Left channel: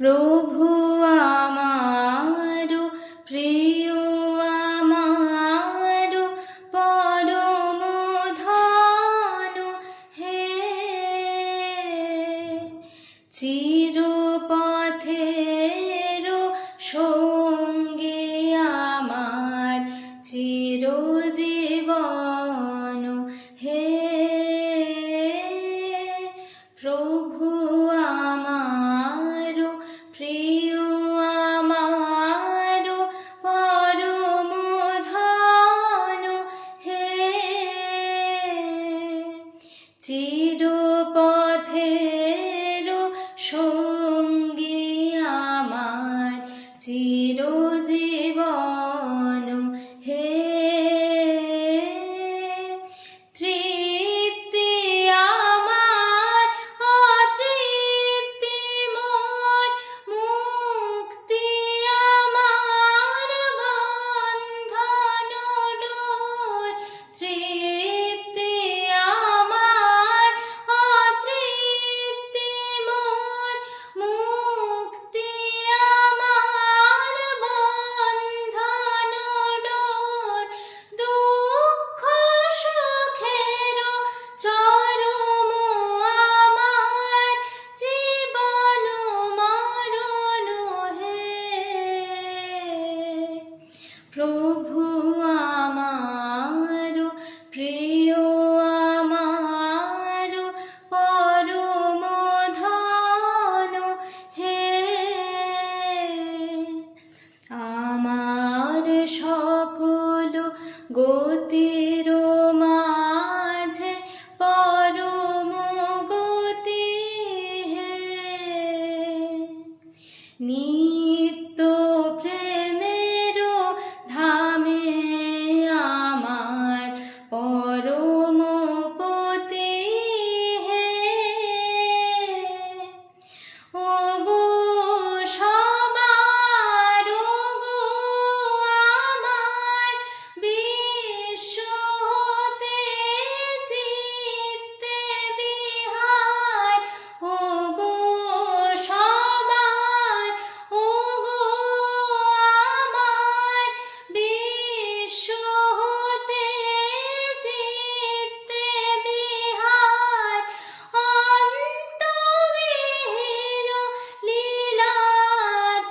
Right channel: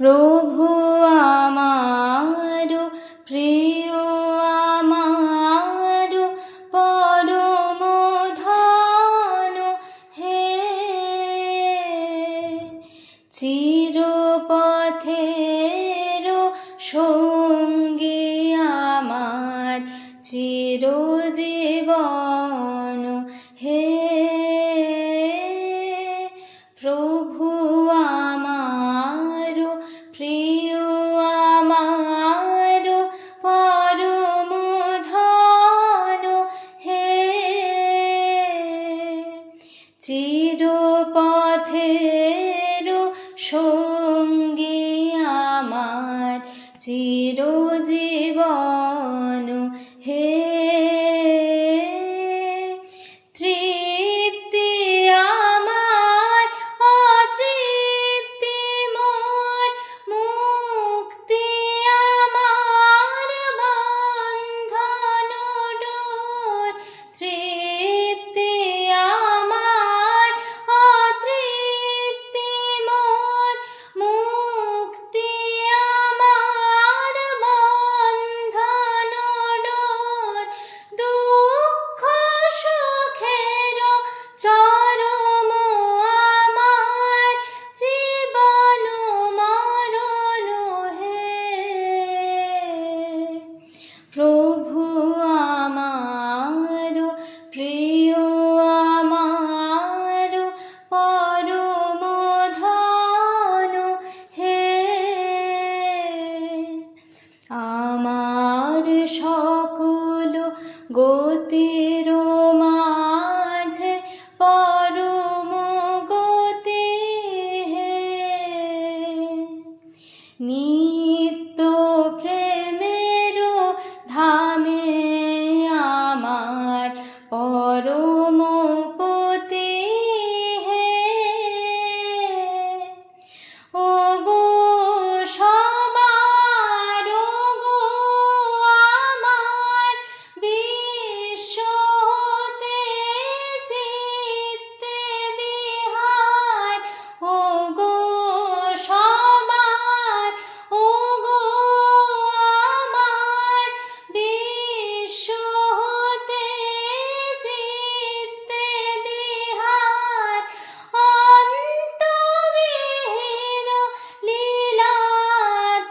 প্রভু আমার প্রিয়, আমার পরম ধন হে, চিরপথের সঙ্গী আমার চিরজীবন হে। প্রভু আমার প্রিয়, আমার পরম ধন হে, চিরপথের সঙ্গী আমার চিরজীবন হে। তৃপ্তি আমার অতৃপ্তি মোর, মুক্তি আমার বন্ধন ডোর। তৃপ্তি আমার অতৃপ্তি মোর, মুক্তি আমার বন্ধন ডোর। দুঃখ সুখের চরম আমার জীবন মরণ হে। প্রভু আমার প্রিয়, আমার পরম ধন হে। আমার সকল গতির মাঝে পরম গতি হে, নিত্য প্রেমের ধামে আমার পরম পতি হে। ও গো সবার, ও গো আমার বিশ্ব হতে চিত্তে বিহার। ও গো সবার, ও গো আমার বিশ্ব হতে চিত্তে বিহার। অন্তবিহীন লীলা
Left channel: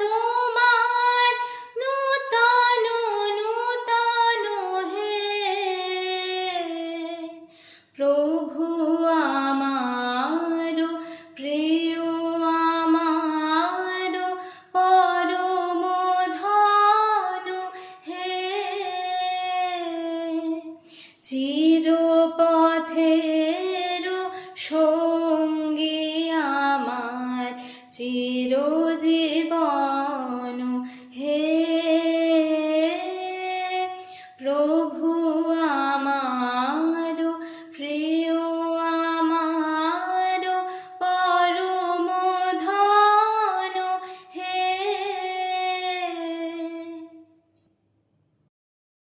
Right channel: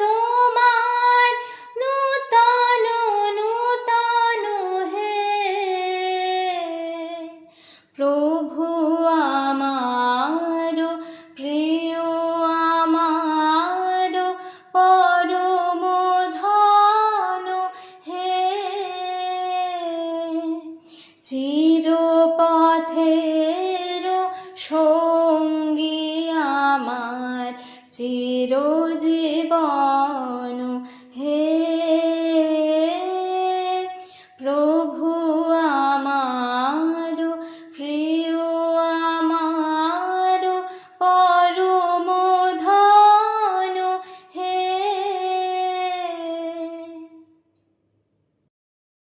তোমার নূতন নূতন হে। প্রভু আমার প্রিয়, আমার পরম ধন হে, চির